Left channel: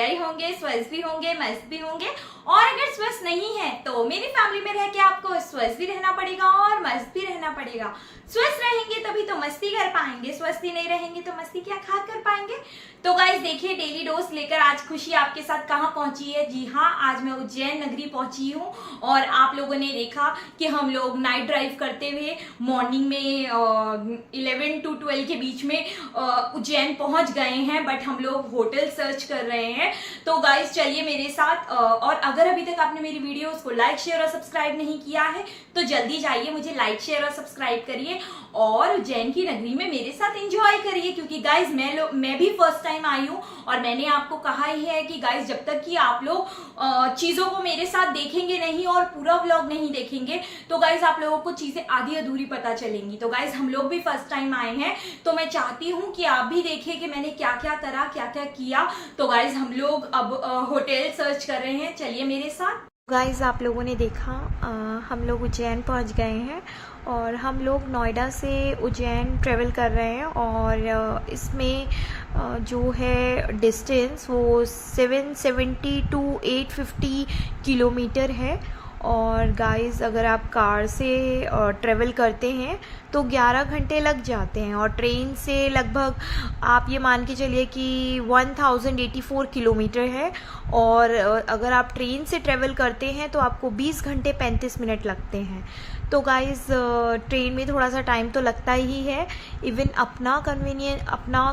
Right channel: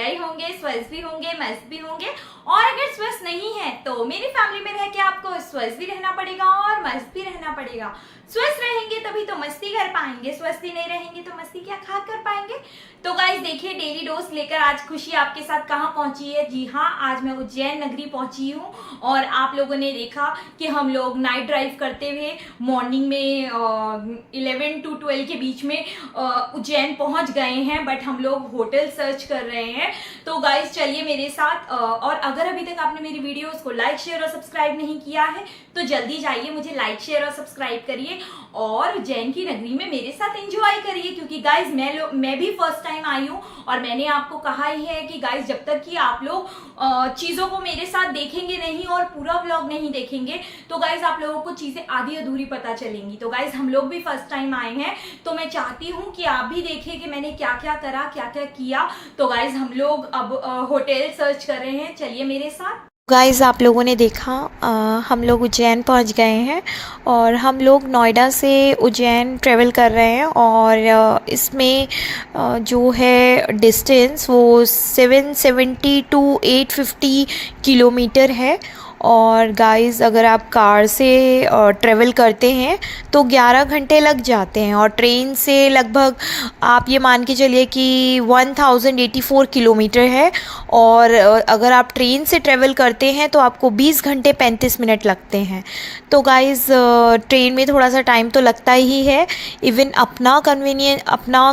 बढ़िया ही होंगे, स्वस्थ भी होंगे, मस्त भी होंगे। और अगर स्वस्थ नहीं है तो मेरी फैमिली में रह के आपको स्वस्थ भी रहना पड़ेगा और मस्त भी रहना पड़ेगा। स्वस्थ रहेंगे तभी तो मस्ती कर पाएंगे, स्वस्थ ही नहीं रहेंगे तो मस्ती क्या खा कर पाएंगे। तो गाइस देखिए, डेली डोज लेकर आज खुशी आपके साथ कहाँ पहुंची है। जी हाँ, आज मैं उज्जैन नगरी पहुंची हूँ और आप लोगों ने देखा कि हम लोग नाइट ड्राइव करते हुए मॉर्निंग में 11 to 12 के बीच में उज्जैन पहुंच गए हैं। बट हम लोग होटल सर्च कर रहे हैं। तो गाइस चलिए मेरे साथ। और अगर अभी तक आपने मेरी वीडियोस को लाइक शेयर और सब्सक्राइब नहीं किया है तो जल्दी जाइए, मुझे लाइक शेयर और सब्सक्राइब करिए और उज्जैन की नगरी में मेरे साथ एंजॉय करिए। क्योंकि गाइस मैं भी फर्स्ट टाइम आई हूँ और मैंने आपको कहा ही है कि गाइस जब तक कि आप लोग चीजों को मेरे साथ देखेंगे नहीं और पूरा व्लॉग नहीं देखेंगे तो गाइस आप लोगों को चीजें आधी अधूरी पता चलेंगी। तो गाइस हम लोग भी फर्स्ट टाइम आए हैं तो मैं चाहती हूँ कि आप भी देखिए कि मैंने क्या क्या करा, क्या क्या किया। तो गाइस हम लोग अब होटल सर्च कर रहे हैं, चलिए मेरे साथ। गाइज़ आप लोगों ने देखा हम लोग उज्जैन पहुंच गए हैं और हम लोग नोएडा से उज्जैन ट्रेवल कर रहे हैं। और इसमें जो है डिस्टेंस वो 770 to 850 किलोमीटर है। और गाइज़ अगर आप कार से ट्रेवल करते हैं तो 11 घंटे लग जाते हैं और ट्रेन से लगभग आप ये मान के चलिए कि 1084 किलोमीटर है। और अगर आप ट्रेन से ट्रेवल करते हैं तो आपको 20 घंटे 35 मिनट लगते हैं। तो गाइज़ ट्रेन में थोड़ा सा टाइम तो लगता ही है। इवन अपना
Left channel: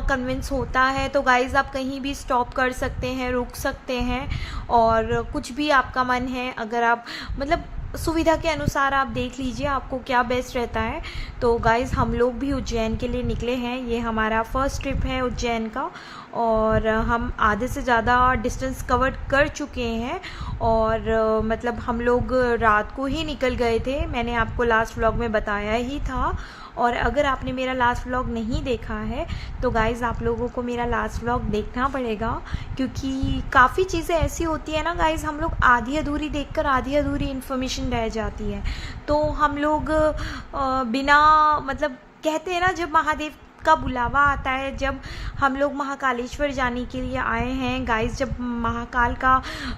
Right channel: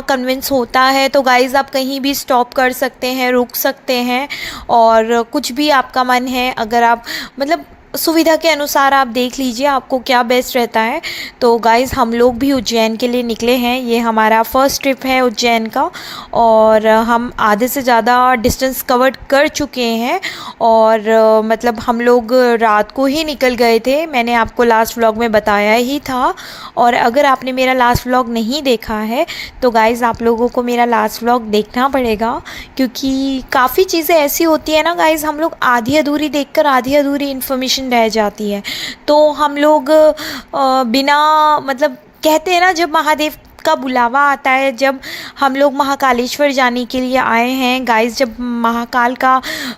कन्वेंस होता है तो गाइज़ आप कहीं भी स्टॉप कर सकते हैं, रुक सकते हैं और कुछ भी आपका मन है, अगर आप मतलब सुविधा के अनुसार आप देख लीजिए आपको क्या बेस्ट रहता है। तो गाइज़ हम लोग भी उज्जैन के लिए निकले हैं, ये हमारा फर्स्ट ट्रिप है उज्जैन का और हम आधे से ज़्यादा डिस्टेंस कवर कर चुके हैं। और मतलब हम लोग रात को ही निकल गए थे, मैंने आपको लास्ट व्लॉग में बताया ही था। और अगर आपने मेरा लास्ट व्लॉग नहीं देखा है तो गाइज़ आप लोगों को मेरा लास्ट व्लॉग देखना पड़ेगा क्योंकि काफ़ी चीज़ें ऐसी होती है ना गाइज़, हम लोग आधी अधूरी देखकर आधी अधूरी इन्फॉर्मेशन रह जाती है। तो हम लोग बिना मतलब कहते हैं ना, जब महादेव का बुलावा आता है, जब हम लोग महाकालेश्वर जाने के लिए आए हैं गाइज़, जब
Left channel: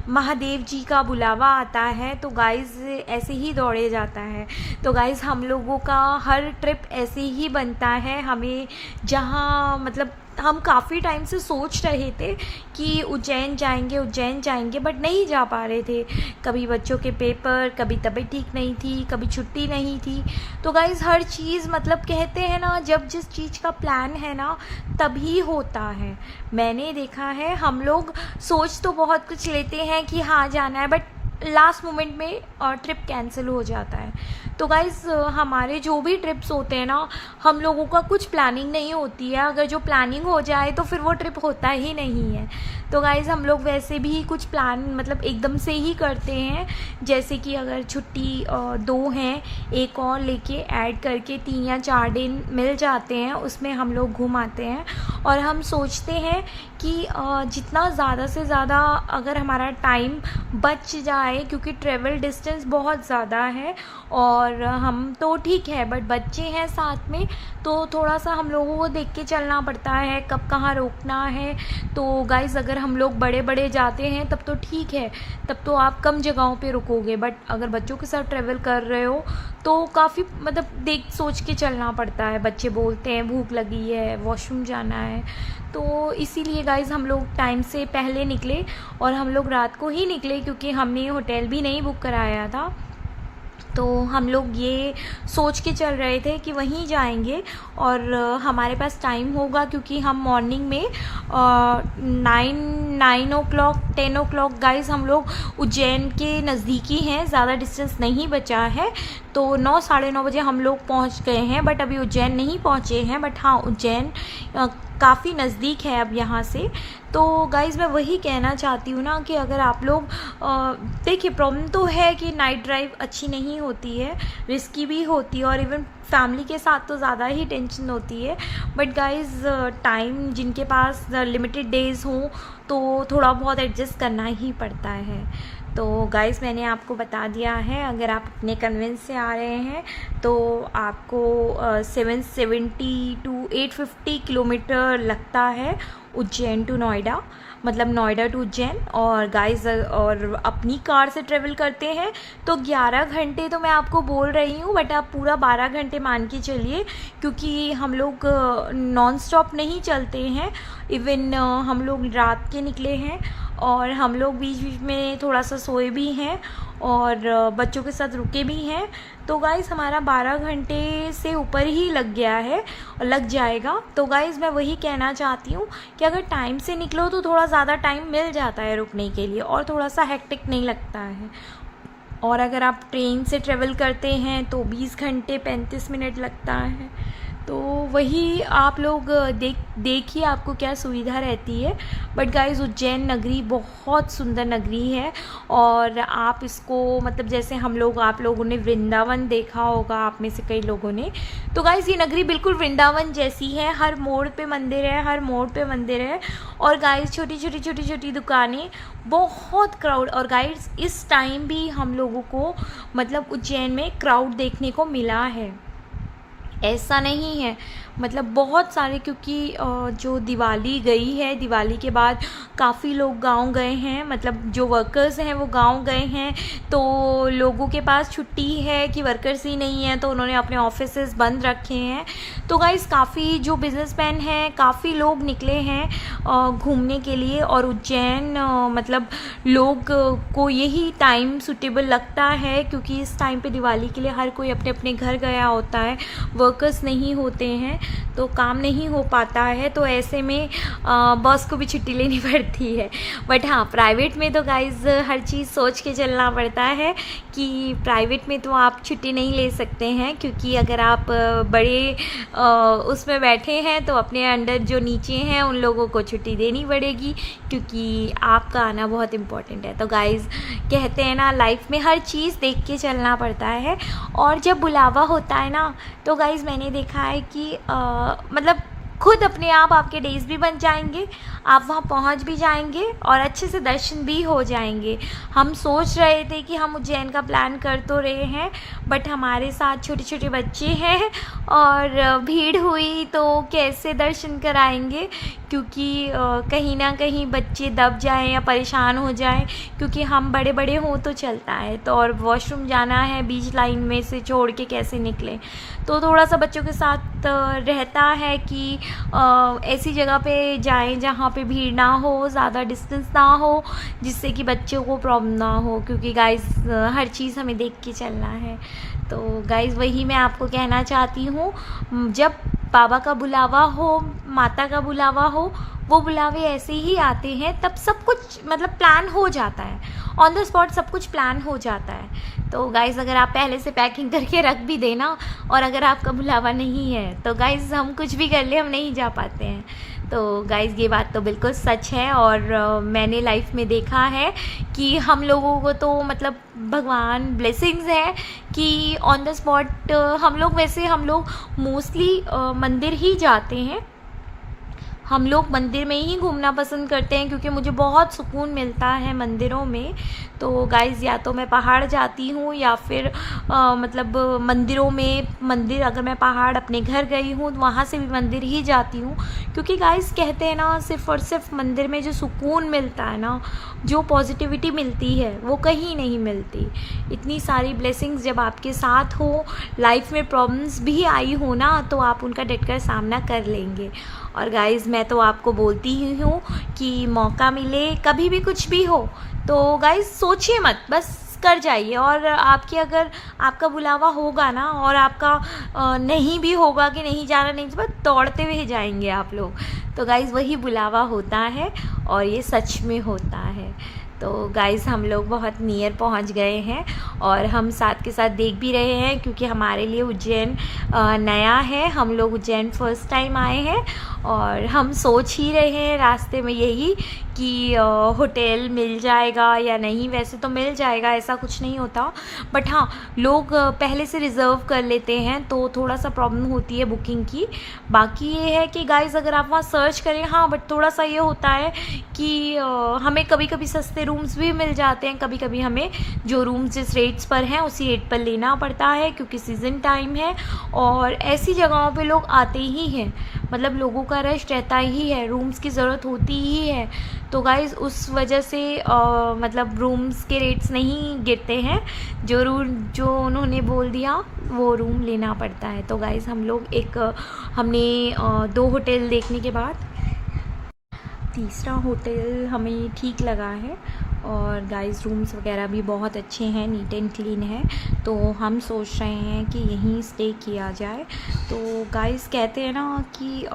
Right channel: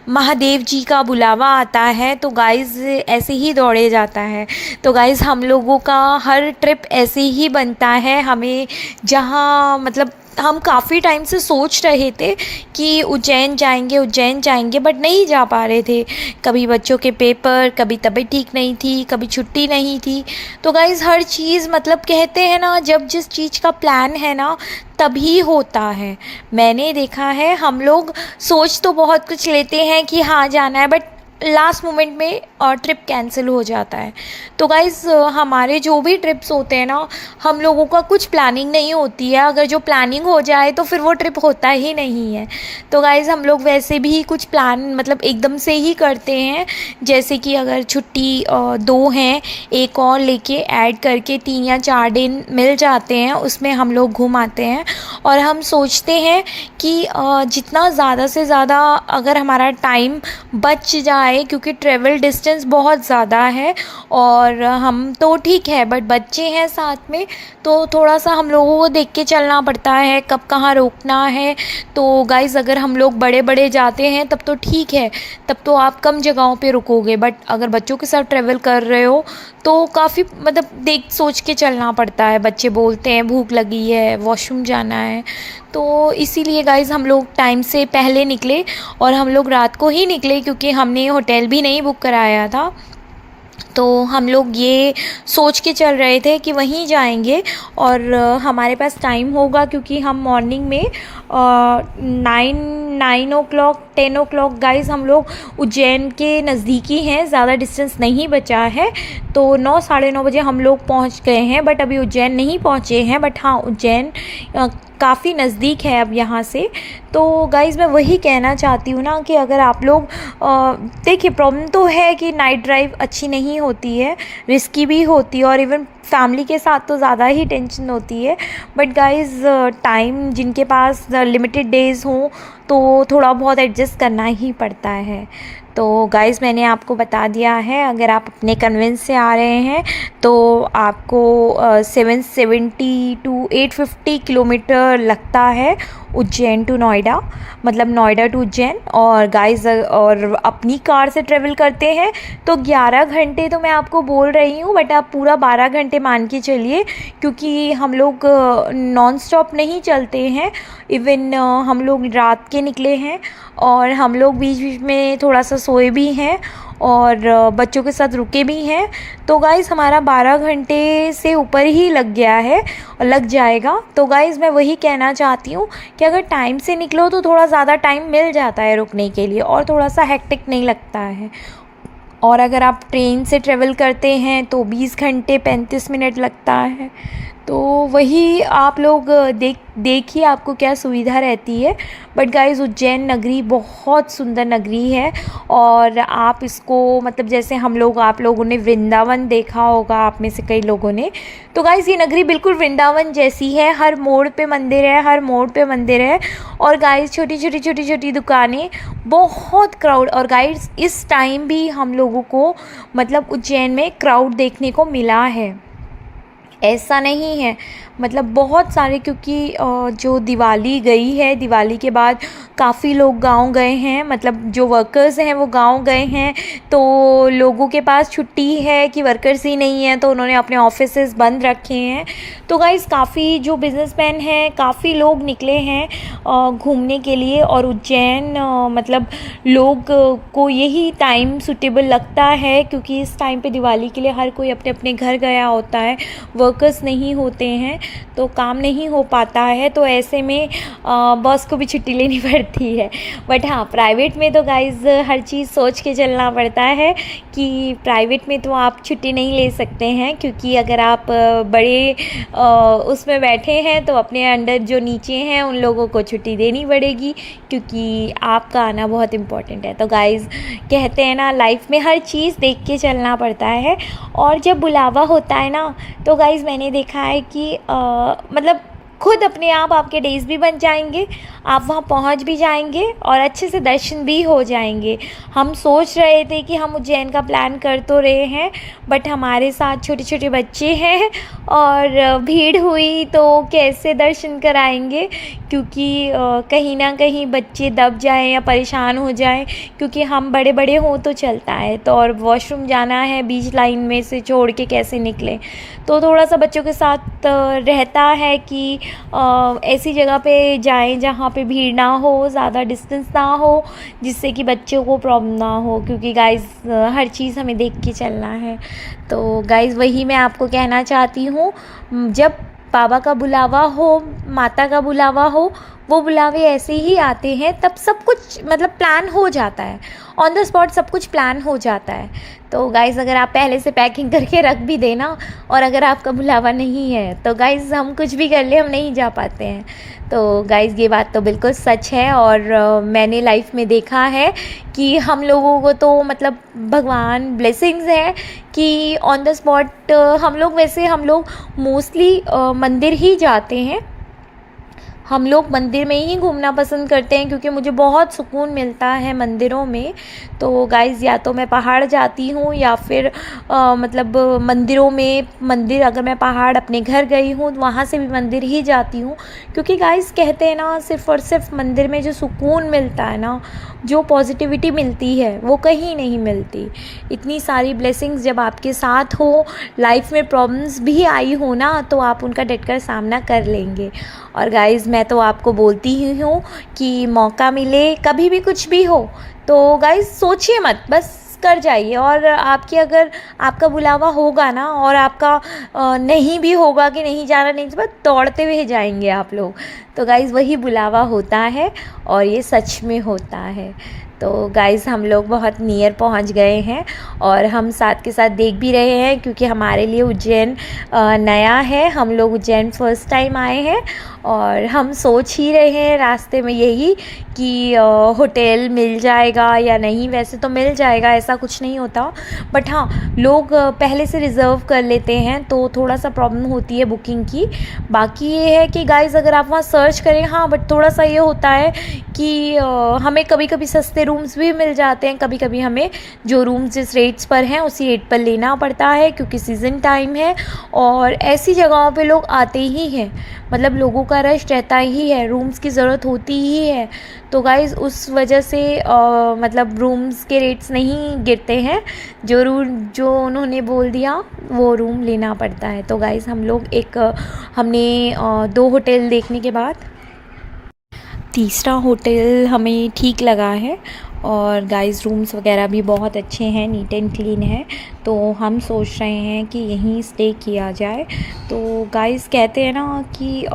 महादेव जी का बुलावा आता है तो गाइज़ ऐसे ही दौड़े जाता है। तो गाइज़ हम लोगों का हर ट्रिप ऐसे ही बनता है। हमें जहाँ मतलब हम काफ़ी टाइम से सोच रहे थे कि उज्जैन जाएंगे बट नहीं जा पा रहे थे। कभी बच्चों के पेपर, कभी तबीयत ठीक नहीं थी, कभी छुट्टी नहीं थी। तो गाइज़ हर चीज़ मतलब कहते हैं ना, जब जिस चीज़ का प्लान है ना तभी होता है। मैंने देखा है हम लोग सोच तो बहुत कुछ लेते हैं कि हाँ जाना है, बट लास्ट मोमेंट में ट्रिप कैंसिल हो जाता है। तो गाइज़ हमारे जो भी ट्रिप्स होते हैं ना, हम लोगों का कुछ प्लानिंग नहीं होती है। अगर जो प्लानिंग हो जाए तो फिर वो ट्रिप होता ही नहीं है। तो गाइज़ हम लोग वैसे भी कुछ प्लान मतलब एकदम से ही करते हैं। जैसे कि अगर छुट्टी 2 हैं, एक और लेके ऐड करके 3 या 4 दिन मिल जाते हैं, उसमें हम लोग घूम आते हैं। और हम सोचते हैं कि जितना ज़्यादा से ज़्यादा अगर हमारा टाइम बच जाए, क्योंकि ट्रेवल डिस्टेंस बहुत ज़्यादा है और हम तो ठीक है बट बच्चे हैं साथ में, तो थोड़ा सा हम लोगों को देख के चलना पड़ता है कब कहाँ रोकना है। तो गाइज़ अगर हम लोग बड़े जाते हैं तब तो ठीक है, तब तो आप कम जगहों पे रुकोगे। बट अगर बच्चों के साथ ट्रेवल कर रहे हो तो काफ़ी मतलब देख सोच के चलना पड़ता है। बच्चे बोलते हैं भूख लगी है, वॉशरूम जाना है। तो इसीलिए गाइज़ हम लोग टाइम से पहले निकले और हम लोग रात को ही निकले क्योंकि हमने होटल भी नहीं बुक कराया था। तो हम लोग ये सोच के चल रहे थे कि वहीं जाएंगे और हमारे पास टाइम होगा क्योंकि हम मॉर्निंग में 9 o'clock 10 o'clock गाइज़ हम लोग उज्जैन के नज़दीकी हैं, ज़्यादा डिस्टेंस नहीं बचा है। तो 9 साढ़े 9 बजे हम लोग पहुंच गए हैं बट अभी उज्जैन नहीं पहुंचे हैं। बट हाँ, उज्जैन काफ़ी नज़दीक है अब यहाँ से। तो गाइज़ मैं वही कहना चाहती हूँ ना कि अगर आप लोग देखिए, प्रॉब्लम तो है कि नाइट ड्राइव अच्छी नहीं होती है, रिस्की भी होती है और इवन फैमिली के साथ तो ज़्यादा ही टेंशन होती है। बट गाइज़ टाइम जिनके पास लिमिटेड डेज़ हों तो थोड़ा बहुत एडजस्ट करना ही पड़ता है। तो गाइज़ मैंने आपको बता दिया है, अगर आप अपने कन्वेंस से आ रहे हैं तो आपको 770 to 850 किलोमीटर लगता है उज्जैन टू नोएडा, मतलब नोएडा टू उज्जैन। और गाइस और अपनी कार से ट्रेवल करते हैं तो 11 घंटे तो मैं आपको बोल रही हूँ, बट आप पूरा 12 घंटे मान के चलिए, क्योंकि हम लोग नॉन स्टॉप नहीं चलते हैं। इवन हम लोग रात के निकले हैं और हम लोग बीच बीच में थोड़ा सा सोए भी हैं और बच्चों के साथ रुके भी हैं। तो गाइज़ हमारा 12 घंटे से ऊपर ही लग गया है और लग जाएगा। तो गाइज़ मैं वही कहना चाहती हूँ कि अगर टाइम से निकलो तो थोड़ा ज़्यादा टाइम मिल जाता है रुकने के लिए और थोड़ा सा हेक्टिक नहीं लगता है। और अगर आप ट्रेन से ट्रेवल करते हैं तो 20 घंटे 35 मिनट लगता है। तो वही आप लोग देखिए आपको क्या सुविधा रहती है। बट गाइज़ उज्जैन नगरी बहुत सुंदर नगरी है और आप इसको मतलब जैसे हम लोग आप लोगों ने वृंदावन देखा होगा, आप में से कई लोगों ने, तो गाइज़ ये नगरी बिल्कुल वृंदावन जैसी है। हर मोड़ पे मंदिर है, हर मोड़ पे मंदिर है। और गाइज़ छोटी छोटी दुकानें, बहुत क्राउड। और गाइज़ इस टाइम भी हम लोगों को मतलब उज्जैन में क्राउड देखने को मिला है, ऐसा नहीं है, मतलब बहुत सारे, क्योंकि जो दिवाली गई है, दिवाली के बाद काफ़ी लोग गांव गए हैं, मतलब जो वर्कर्स हैं वो गांव गए हैं। तो लोगों के पास छुट्टी है कि वर्कर्स ही नहीं है, तो उन्होंने अपने ऑफिसेज बंद रखे हैं। तो गाइस काफ़ी जो बिजनेसमैन हैं, काफ़ी लोग निकले हैं घूमने के लिए। और उज्जैन मतलब लोग को यही टाइम सूटेबल लगता है, क्योंकि इस टाइम पे दिवाली के लिए हर कोई अपने अपने घर गया होता है, वर्कर्स नहीं होते हैं तो काम नहीं हो पाता है। तो ऐसे में बॉस को भी छुट्टी लेनी पड़ती है। बट हाँ, प्राइवेट में तो गाइज़ हर चीज़ सोच के चलना पड़ता है कि प्राइवेट में तो आप छुट्टी नहीं ले सकते हैं, क्योंकि अगर आप बड़े उसमें बैठे हैं तो अपने अंडर जो नीचे हैं उन लोगों को छुट्टी देनी पड़ेगी, क्योंकि आपका आना बहुत इम्पॉर्टेंट है। तो गाइज़ कहते हैं ना, लाइफ में हर चीज़ देख के चलना पड़ता है। और जब बुलावा होता है ना, तो गाइज़ मैंने देखा है कि मतलब खुद अपने आप आपके डेज़ भी बन जाएंगे, आप वहाँ पहुँच भी जाएंगे और अच्छे से दर्शन भी हो जाएंगे। हम सोच रहे थे कि हम उज्जैन का प्लान कर तो रहे हैं, बट हमारे साथ छोटे छोटे बच्चे हैं और भीड़ हुई तो कैसे दर्शन कराएंगे, क्योंकि कहीं ना कहीं बच्चे दब जाएं या परेशान हो जाएं, क्योंकि हम बड़े बड़े हों तो चलता है, तो और वॉशरूम जाना है, बीच लाइन में से छोड़ के कैसे निकलें। तो थोड़ा सा बच्चों के साथ रहता है कि ऐसी जगह पे जाएं जहाँ पे भीड़ ना हो, ज़्यादा डिस्टेंस ना हो, जिससे कि बच्चों को प्रॉब्लम ना हो, क्योंकि गाइज़ हर चीज़ हमें देख के चलना है। तो गाइज़ वही मैं आपको कहना चाहती हूँ, जब बाबा का बुलावा हो, माता का बुलावा हो, वो बुलावे ऐसे ही आते हैं, तब सब कुछ मतलब प्लान हो जाता है, ऑन द स्पॉट सब कुछ प्लान हो जाता है। तो गाइज़ अगर आप पहले से पैकिंग करके रख भी देना, और अगर आपका बुलावा नहीं है तो गाइज़ हम कुछ भी कर ले, हम नहीं जा पाते हैं। तो गाइज़ ये बात तो बिल्कुल सच है। और मैंने लाइफ में देखा है कि हम लोगों को तो मतलब भगवान ब्लेसिंग्स है कि ऑन द स्पॉट हम लोग मोस्टली मंदिर ही जाते हैं, हम लोग मंदिर में ही घूमना पसंद करते हैं, क्योंकि मुझे बहुत सुकून मिलता है मंदिरों में। तो गाइज़ या तो मैं पहाड़ जाती हूँ या फिर मतलब मंदिरों में, मंदिर अगर मैं पहाड़ अपने घर गई हूँ तो वहाँ से भी मंदिर ही जाती हूँ, क्योंकि गाइज़ कहते हैं ना, सिर्फ़ और सिर्फ मंदिर में जो सुकून मिलता है ना, जो पॉजिटिविटी मिलती है, वो कहीं नहीं मिलती। इतनी सारी ब्लेसिंग्स जब आपके साथ हो, लाइफ में प्रॉब्लम्स भी आई हो ना, तो आप उनका डटकर सामना कर लेंगे। और गाइज़ मैं तो आपको बोलती ही हूँ कि मौका मिले, कभी भी कुछ भी हो, तो गाइज़ सोचिए मत, बस कर जाइए। और आपकी अगर आपका बुलावा होगा ना, और आपका नहीं भी होगा कि नहीं जाना, नहीं, बस दौड़ते हुए जाएंगे आप लोग। तो गाइज़ वही बुलावा होता है और ये सच में होता है। तो गाइज़ हम लोग बहुत नियर पहुंच गए हैं और हम साथ के साथ देख भी रहे हैं, क्योंकि हमारे लिए उज्जैन नया है, हम लोग उज्जैन फर्स्ट टाइम आए हैं। और हम सोच ही रहे हैं रास्ते में यही कि होटल मिल जाएगा या नहीं। वैसे तो मिल जाएगा, ऐसा कुछ नहीं होता, बट हाँ लोग पहले से रिज़र्व कर लेते हैं, तो थोड़ा सा प्रॉब्लम होती है बुकिंग की। बाकी ये है कि गाइज़ अगर आप वहाँ सर्च करें, हाँ बट थोड़ा सा ये होता है कि हमें कभी कभी सस्ते रूम्स भी मिल जाते हैं, कभी कभी हमें जो रूम्स जिस रेट्स पर हैं उसी रेट पर लेना पड़ता है, क्योंकि सीज़न टाइम है और ऐसी जगहों पे लोग आते ही हैं। मतलब लोगों का रश रहता ही है, रूम्स की ज़रूरत होती ही है। तो गाइज़ उस वजह से मतलब रूम्स के रेट्स नहीं गिरते हैं, जो उन्होंने बोल दिया वो रूम लेना पड़ता है। तो गाइज़ हम लोग हमने 2 होटल देखने के बाद तीसरा होटल हमें ठीक लगा है। और गाइस रूम्स वगैरह भी बहुत अच्छे हैं, नीट एंड क्लीन है। तो हम सोच रहे हैं कि यहीं स्टे किया जाए। तो गाइस कहते हैं ना कि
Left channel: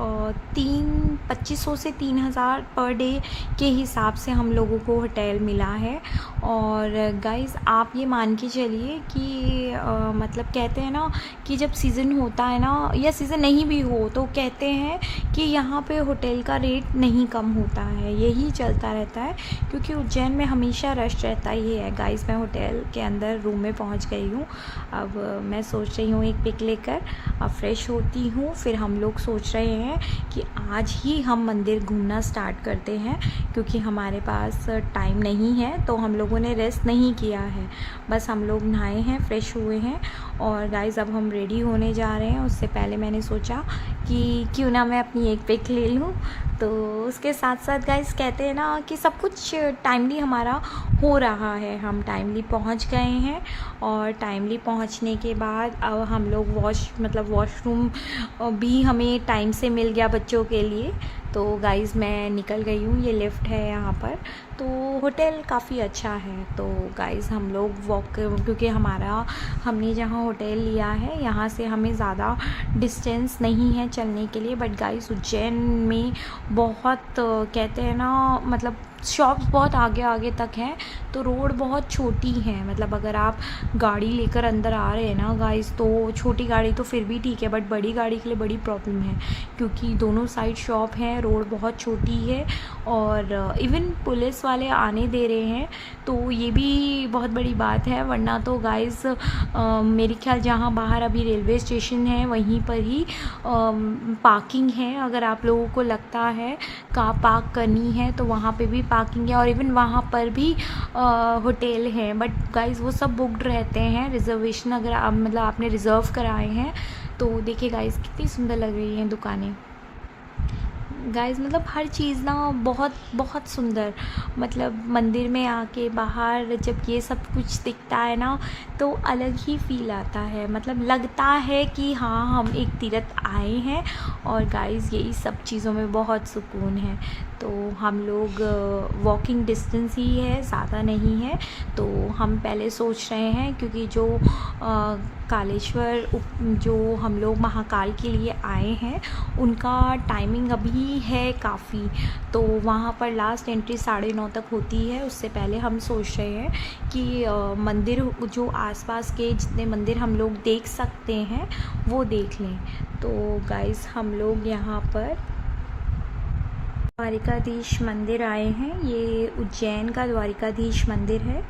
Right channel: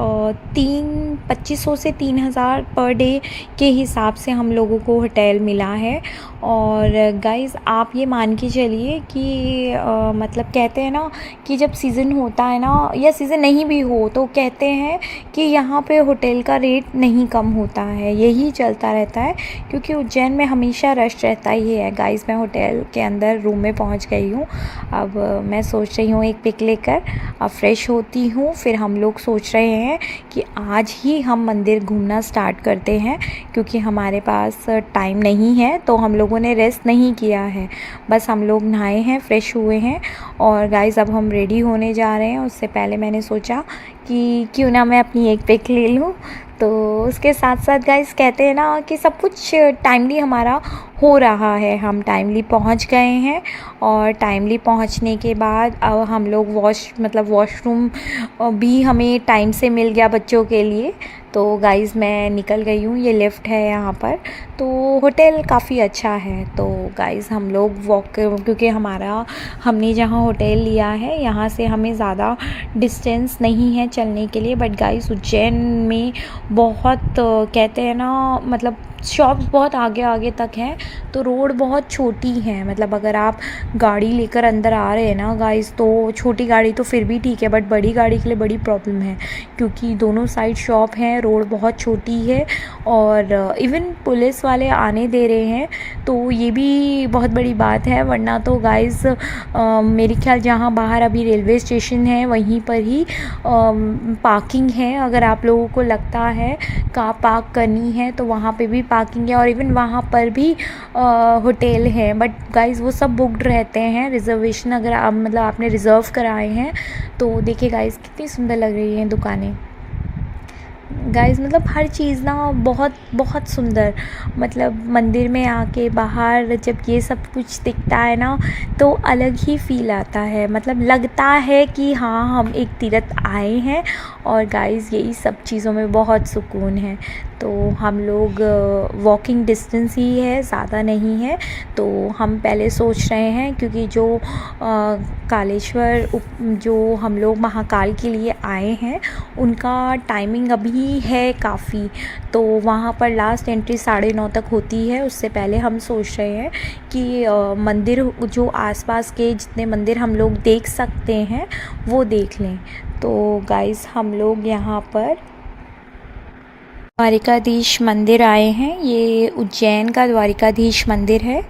2500 से 3000 पर डे के हिसाब से हम लोगों को होटल मिला है। और गाइस आप ये मान के चलिए कि मतलब कहते हैं ना कि जब सीज़न होता है ना, या सीज़न नहीं भी हो, तो कहते हैं कि यहाँ पे होटल का रेट नहीं कम होता है, यही चलता रहता है। क्योंकि उज्जैन में हमेशा रश रहता ही है। गाइस मैं होटल के अंदर रूम में पहुँच गई हूँ। अब मैं सोच रही हूँ एक पिक लेकर अब फ्रेश होती हूँ। फिर हम लोग सोच रहे हैं कि आज ही हम मंदिर घूमना स्टार्ट करते हैं, क्योंकि हमारे पास टाइम नहीं है। तो हम लोगों ने रेस्ट नहीं किया है, बस हम लोग नहाए हैं, फ्रेश हुए हैं। और गाइस अब हम रेडी होने जा रहे हैं। उससे पहले मैंने सोचा कि क्यों ना मैं अपनी एक पिक ले लूँ। तो उसके साथ साथ गाइस कहते हैं ना कि सब कुछ टाइमली हमारा हो रहा है। हम टाइमली पहुंच गए हैं। और टाइमली पहुंचने के बाद अब हम लोग वॉशरूम भी हमें टाइम से मिल गया बच्चों के लिए। तो गाइस मैं निकल गई हूँ, ये लिफ्ट है यहाँ पर। तो होटल काफ़ी अच्छा है। तो गाइस हम लोग क्योंकि हमने जहाँ होटल लिया है यहाँ से हमें ज़्यादा डिस्टेंस नहीं है चलने के लिए। बट गाइस उज्जैन में बहुत कहते हैं ना मतलब शॉप्स बहुत आगे आगे तक हैं, तो रोड बहुत छोटी है। मतलब अगर आप गाड़ी लेकर अंदर आ रहे हैं ना गाइस, तो छोटी गाड़ी तो फिर भी ठीक है, बट बड़ी गाड़ी के लिए बड़ी प्रॉब्लम है, क्योंकि दोनों साइड शॉप हैं, रोड बहुत छोटी है। और इवन पुलिस वाले आने दे रहे हैं, तो ये भी बहुत बड़ी बात है। वरना तो गाइस मेरे ख्याल जहाँ बाहर अभी रेलवे स्टेशन है वहीं पर ही पार्किंग है। अगर आप लोगों को लगता है कार पार्क करनी है तो वहाँ पे भी पार्किंग है, और इवन वहाँ पर भी होटल है। बट गाइस वो सब बुक्ड रहते हैं। रिजर्वेशन अगर आपने रिज़र्व कराए हैं तो देखिए गाइस कितनी सुंदर लग रही हैं दुकानें। गाइस मतलब हर चीज़ ना बहुत बहुत सुंदर। मतलब मंदिर में आके बाहर जब ये सब कुछ दिखता है ना, तो अलग ही फील आता है। मतलब लगता है कि हाँ हम एक तीर्थ आए हैं। और गाइस यही सब चीज़ों में बहुत सुकून है। तो हम लोग वॉकिंग डिस्टेंस ही है, ज़्यादा नहीं है। तो हम पहले सोच रहे हैं, क्योंकि जो कालेश्वर जो हम लोग महाकाल के लिए आए हैं उनका टाइमिंग अभी है काफ़ी। तो वहाँ पर लास्ट एंट्री 9:30 तक होती है। उससे पहले हम सोच रहे हैं कि मंदिर जो आसपास के जितने मंदिर हम लोग देख सकते हैं वो देख लें। तो गाइस हम लोग यहाँ पर द्वारिकाधीश मंदिर आए हैं। ये उज्जैन का द्वारिकाधीश मंदिर है,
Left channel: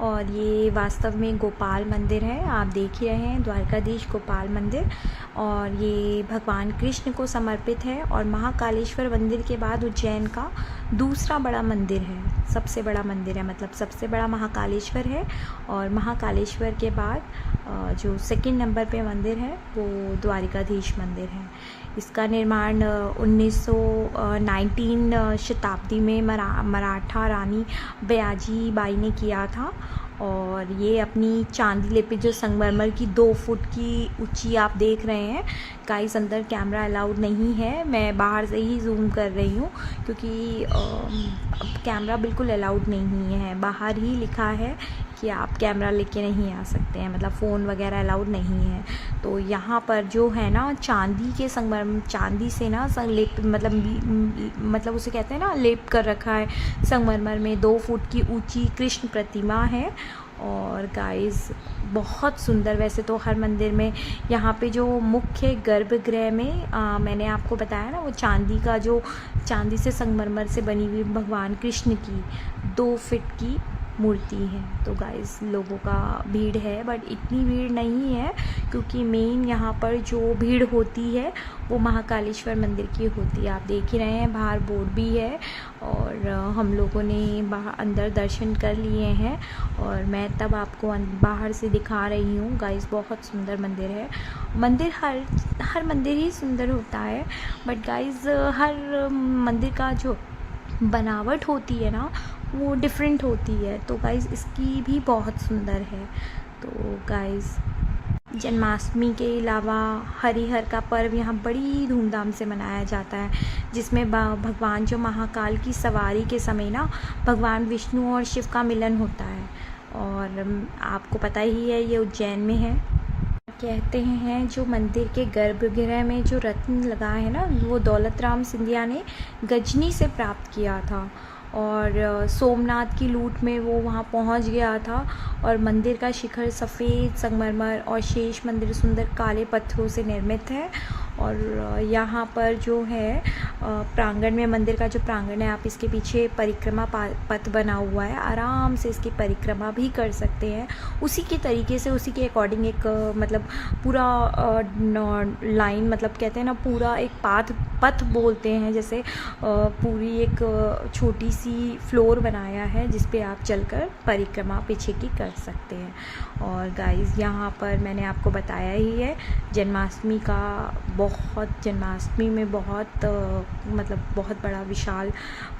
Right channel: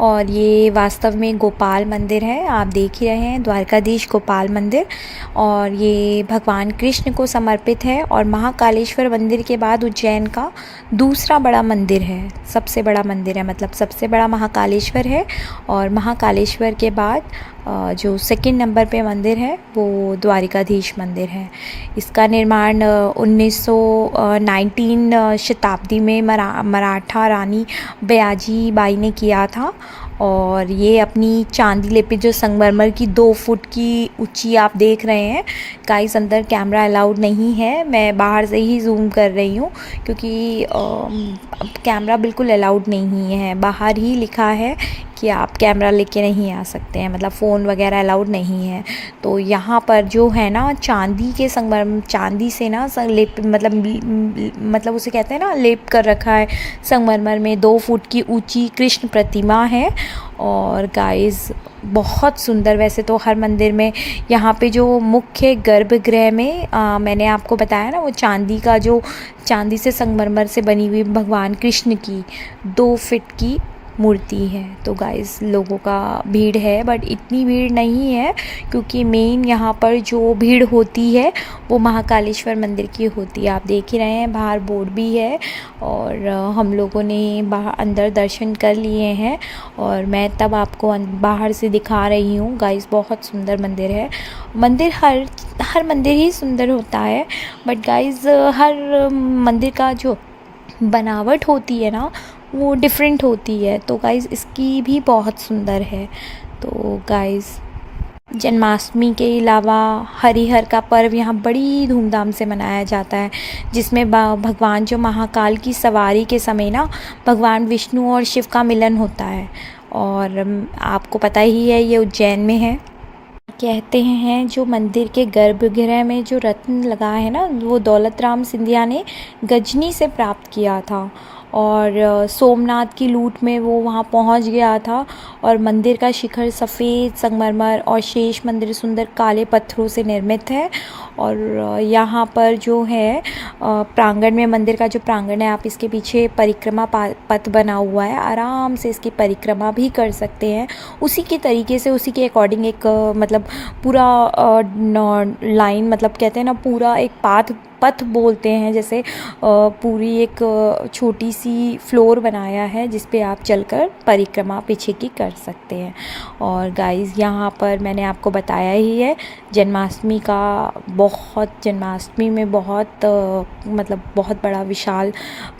और ये वास्तव में गोपाल मंदिर है। आप देख ही रहे हैं द्वारकाधीश गोपाल मंदिर। और ये भगवान कृष्ण को समर्पित है, और महाकालेश्वर मंदिर के बाद उज्जैन का दूसरा बड़ा मंदिर है, सबसे बड़ा मंदिर है। मतलब सबसे बड़ा महाकालेश्वर है, और महाकालेश्वर के बाद जो सेकंड नंबर पे मंदिर है वो द्वारिकाधीश मंदिर है। इसका निर्माण 19 शताब्दी में मराठा रानी बयाजी बाई ने किया था। और ये अपनी चांदी लेपित जो संगमरमर की 2 फुट की ऊंची आप देख रहे हैं। गाइस अंदर कैमरा अलाउड नहीं है, मैं बाहर से ही जूम कर रही हूँ, क्योंकि कैमरा बिल्कुल अलाउड नहीं है। बाहर ही लिखा है कि आप कैमरा लेके नहीं आ सकते हैं, मतलब फ़ोन वगैरह अलाउड नहीं है। तो यहाँ पर जो है ना चांदी के संगमरमर, चांदी से ना मतलब उसे कहते हैं ना लेप कर रखा है संगमरमर में। 2 फुट की ऊंची कृष्ण प्रतिमा है। और गाइस बहुत सुंदर। वैसे तो हर मंदिर में यहाँ पे जो मुख्य गर्भगृह में मैंने आपको बताया ना, वो चांदी से संगमरमर से बनी हुई भगवान कृष्ण की 2 फीट की मूर्ति है। तो गाइस लोगों का भीड़ है, बट इतनी भीड़ नहीं है क्योंकि मेन यहाँ पर जो भीड़ होती है वो महाकालेश्वर मंदिर की होती है। आप देख ही रहे हैं बाहर बोर्ड भी है, और हम लोगों ने बाहर अंदर दर्शन कर लिए हैं और मैं तब आपको बाहर से दिखा रही हूँ। गाइस बहुत सुंदर मंदिर है। मंदिर हर मंदिर ही सुंदर होता है, बट गाइस हर मंदिर का जो बनावट होती है ना वो डिफरेंट होती है। तो गाइस इसकी भी बहुत सुंदर है। तो गाइस जन्माष्टमी के अलावा हरिहर का पर्व यहाँ बड़ी धूमधाम से मनाया जाता है, जिसमें भगवान जो महाकाल की सवारी के समय ना भगवान विष्णु और शिव का मिलन होता है। और आपको पता ही है ये उज्जैन में है। कहते हैं जो मंदिर के गर्भगृह में जो रत्न लगा है ना वो दौलत राम सिंधिया ने गजनी से प्राप्त किया था, और सोमनाथ की लूट में वो वहाँ पहुँच गया था। और मंदिर का शिखर सफ़ेद संगमरमर और शेष मंदिर सुंदर काले पत्थरों से निर्मित है। और यहाँ पर जो है प्रांगण में, मंदिर का जो प्रांगण है, आप इसके पीछे परिक्रमा पथ बना हुआ है, आराम से इसकी परिक्रमा भी कर सकते हैं। उसी के तरीके से, उसी के अकॉर्डिंग एक मतलब पूरा लाइन, मतलब कहते हैं ना पूरा एक पथ बोलते हैं, जैसे पूरी एक छोटी सी फ्लोर बनाया है जिस पे आप चलकर परिक्रमा पीछे की कर सकते हैं। और गाइस यहाँ पर मैंने आपको बताया ही है जन्माष्टमी में बहुत मतलब बहुत बड़ा विशाल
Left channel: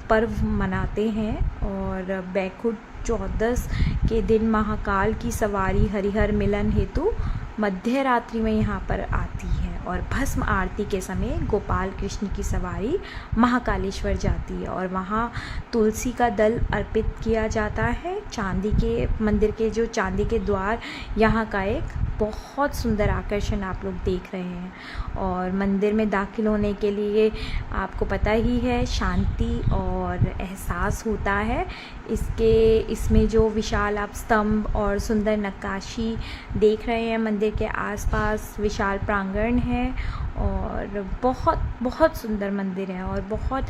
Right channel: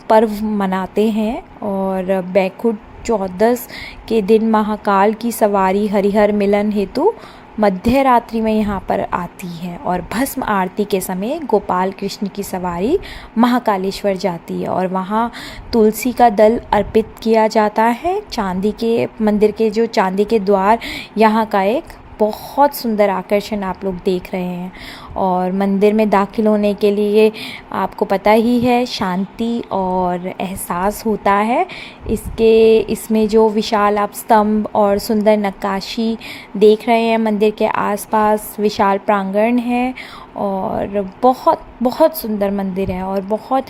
पर्व मनाते हैं। और बैकुंठ चौदस के दिन महाकाल की सवारी हरिहर मिलन हेतु मध्य रात्रि में यहाँ पर आती है, और भस्म आरती के समय गोपाल कृष्ण की सवारी महाकालेश्वर जाती है और वहाँ तुलसी का दल अर्पित किया जाता है। चांदी के मंदिर के जो चांदी के द्वार यहाँ का एक बहुत सुंदर आकर्षण आप लोग देख रहे हैं। और मंदिर में दाखिल होने के लिए आपको पता ही है शांति और एहसास होता है। इसमें जो विशाल आप स्तंभ और सुंदर नक्काशी देख रहे हैं, मंदिर के आसपास विशाल प्रांगण है और बहुत बहुत सुंदर मंदिर है और बहुत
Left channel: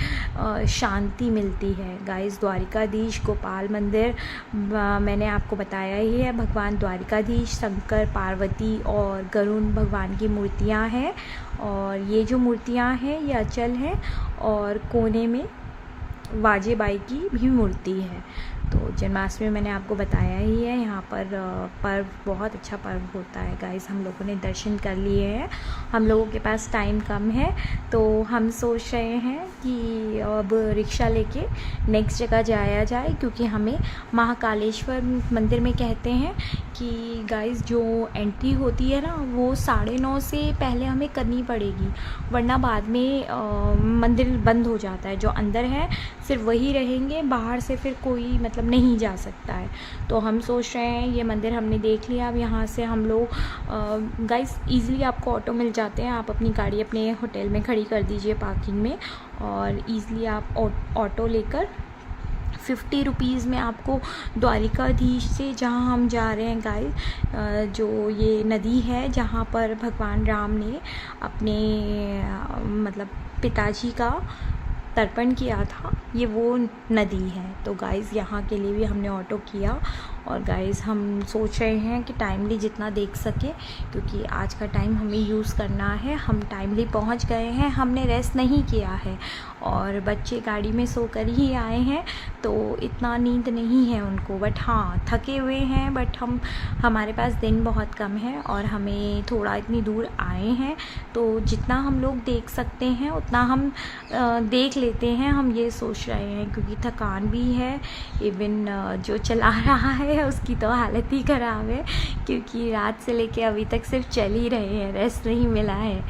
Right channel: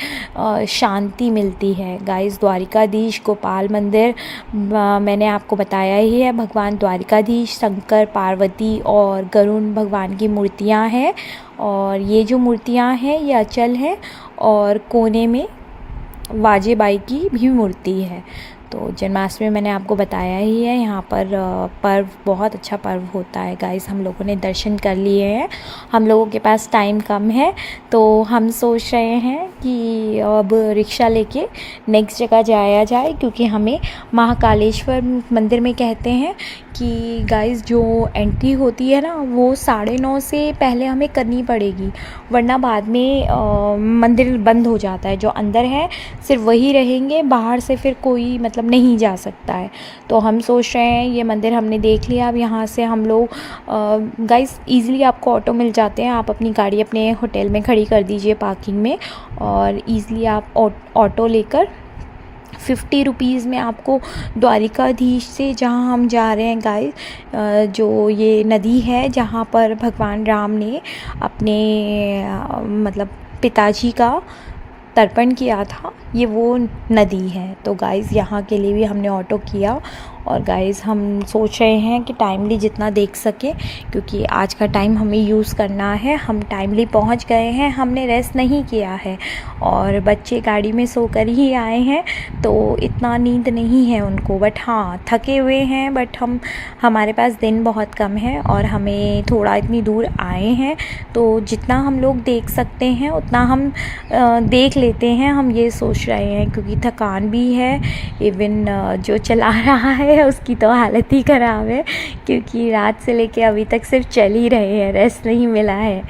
शांति मिलती है। गाइस द्वारिकाधीश गोपाल मंदिर मैंने आपको बताया ही है। भगवान द्वारिकाधीश, शंकर, पार्वती और गरुड़ भगवान की मूर्तियां हैं, और ये जो मूर्तियां हैं ये अचल हैं, और कोने में वाजेबाई की भी मूर्ति है। तो जन्माष्टमी मैंने आपको बताया ही है। यहाँ पर पर्व बहुत अच्छा पर्व होता है। गाइस हम लोगों ने दर्शन कर लिए हैं, हम लोगों के पास टाइम कम है तो हम सोच रहे हैं कि अब रिक्शा लेके नेक्स्ट जगह जाया जाए, क्योंकि हमें महाकालेश्वर मंदिर में कहते हैं कि गाइस जो एंट्री होती है ना वो 9:30 से पहले हमें करनी पड़ेगी, वरना बाद में मंदिर बंद हो जाता है। जो अंदर है सिर्फ वही रहेंगे, बाहर से फिर कोई मतलब नहीं जा सकता है। तो हम सोच रहे हैं, ये मंदिर हमने देख लिया। अब यहाँ से हम लोग गाइस ईज़िली आपको ऑटो मिल जाते हैं। आप अपनी गाड़ी अपने होटल में खड़ी कर दीजिए पार्किंग में, और ईज़िली आप ऑटो लेकर 50 रुपीज़ में आपको द्वारिकाधीश से, जहाँ हम जा रहे हैं गाइस, जो ये नदी है जहाँ पर भगवान राम ने अपने मतलब पिताजी का तर्पण किया था, ये वो नदी है। तो गाइस यहाँ के लिए भी हमने ऑटो किया, और गाइस हम सोच रहे हैं कि टाइमली जितना देख सके, क्योंकि आज का टाइम हमें यूज़ करना है। हम टाइमली पहुंच गए हैं, हमने रेस्ट नहीं किया है, और बच्चे गाड़ी में सोकर ही आए हैं तो इतना नींद नहीं है उनको, बट हाँ थके हुए हैं। बट हमारे पास दिन बहुत कम है और हमें थोड़ा इतनी दूर आए हैं, तो जितना हम लोग देख सकते हैं उतना हम देख लेते हैं, हम ये सोच रहे हैं, क्योंकि थकान भी है। इवन जो चला रहा है उसकी तो हालत ही ख़राब है, क्योंकि रात से लेके अभी तक सिर्फ चल ही रहे हैं, रेस्ट नहीं मिला है।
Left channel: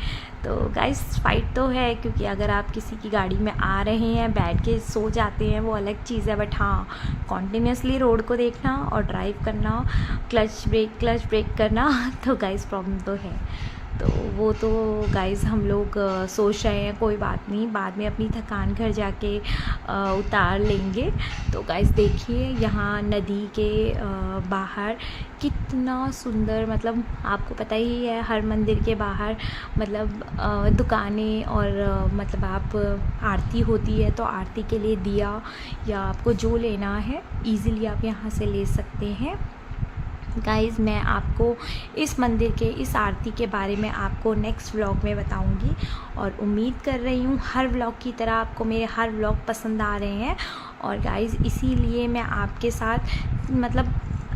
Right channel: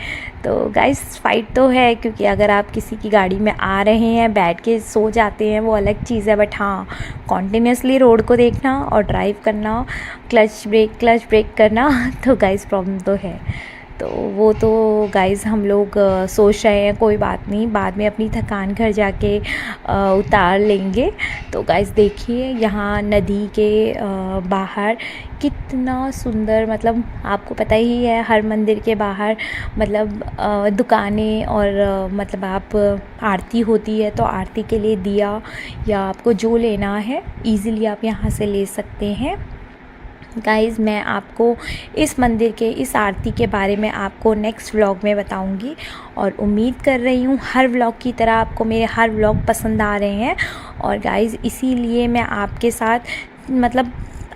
तो गाइस फाइट तो है, क्योंकि अगर आप किसी की गाड़ी में आ रहे हैं बैठ के सो जाते हैं वो अलग चीज़ है, बट हाँ कॉन्टिन्यूसली रोड को देखना और ड्राइव करना, क्लच ब्रेक करना, तो गाइस प्रॉब्लम तो है। तो वो तो गाइज़ हम लोग सोच रहे हैं कोई बात नहीं, बाद में अपनी थकान घर जाके उतार लेंगे। तो गाइज़ देखिए यहाँ नदी के बाहर कितना सुंदर, मतलब आपको पता ही है हर मंदिर के बाहर मतलब दुकानें और मतलब आप आरती होती है तो आरती के लिए दिया या आपको जो लेना है ईज़िली आप यहाँ से ले सकते हैं। गाइज़ मैं आपको इस मंदिर के इस आरती के बारे में आपको नेक्स्ट व्लॉग में बताऊंगी और उम्मीद कर रही हूँ हर व्लॉग की तरह आपको मेरे हर व्लॉग पसंद आ रहे हैं। और गाइज़ इसीलिए मैं आपके साथ मतलब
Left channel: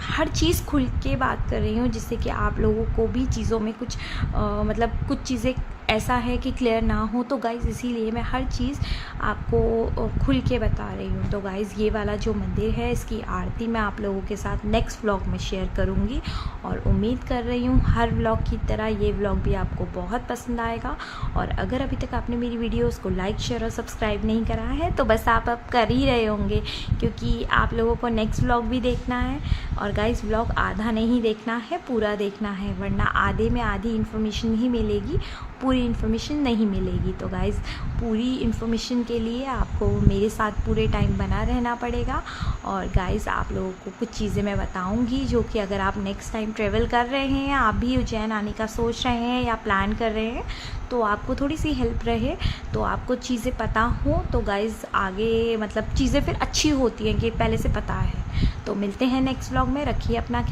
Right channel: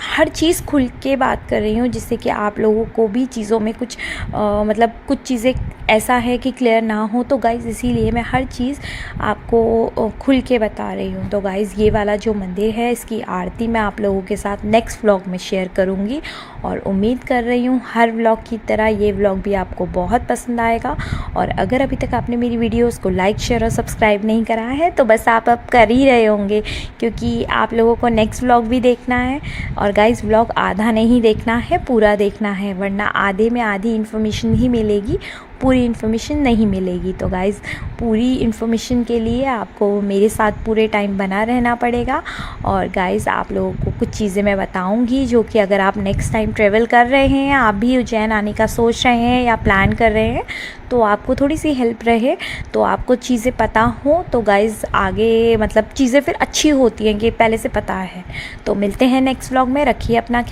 हर चीज़ खुल के बात कर रही हूँ जिससे कि आप लोगों को भी चीज़ों में कुछ मतलब कुछ चीज़ें ऐसा है कि क्लियर ना हो। तो गाइज़ इसीलिए मैं हर चीज़ आपको खुल के बता रही हूँ। तो गाइज़ ये वाला जो मंदिर है इसकी आरती मैं आप लोगों के साथ नेक्स्ट व्लॉग में शेयर करूँगी और उम्मीद कर रही हूँ हर व्लॉग की तरह ये व्लॉग भी आपको बहुत पसंद आएगा। और अगर अभी तक आपने मेरी वीडियोज़ को लाइक शेयर और सब्सक्राइब नहीं करा है तो बस आप अब कर ही रहे होंगे, क्योंकि आप लोगों को नेक्स्ट व्लॉग भी देखना है। और गाइज़ व्लॉग आधा नहीं देखना है, पूरा देखना है, वरना आधे में आधी इन्फॉर्मेशन ही मिलेगी, पूरी इन्फॉर्मेशन नहीं मिलेगी। तो गाइज़ पूरी इन्फॉर्मेशन के लिए आपको मेरे साथ पूरे टाइम बना रहना पड़ेगा। और गाइज़ आप लोगों को कुछ चीज़ें मैं बताऊंगी जो कि अगर आप नेक्स्ट टाइम ट्रैवल कर रहे हैं, आप भी उज्जैन आने का सोच रहे हैं या प्लान कर रहे हैं, तो आपको थोड़ी सी हेल्प रहे, तो आपको चीज़ें पता हो तो गाइज़ आगे मतलब चीज़ें फिर अच्छी होती हैं कि पहले से पता है। तो मिलते हैं नेक्स्ट व्लॉग में, रखिए अपना ख्याल।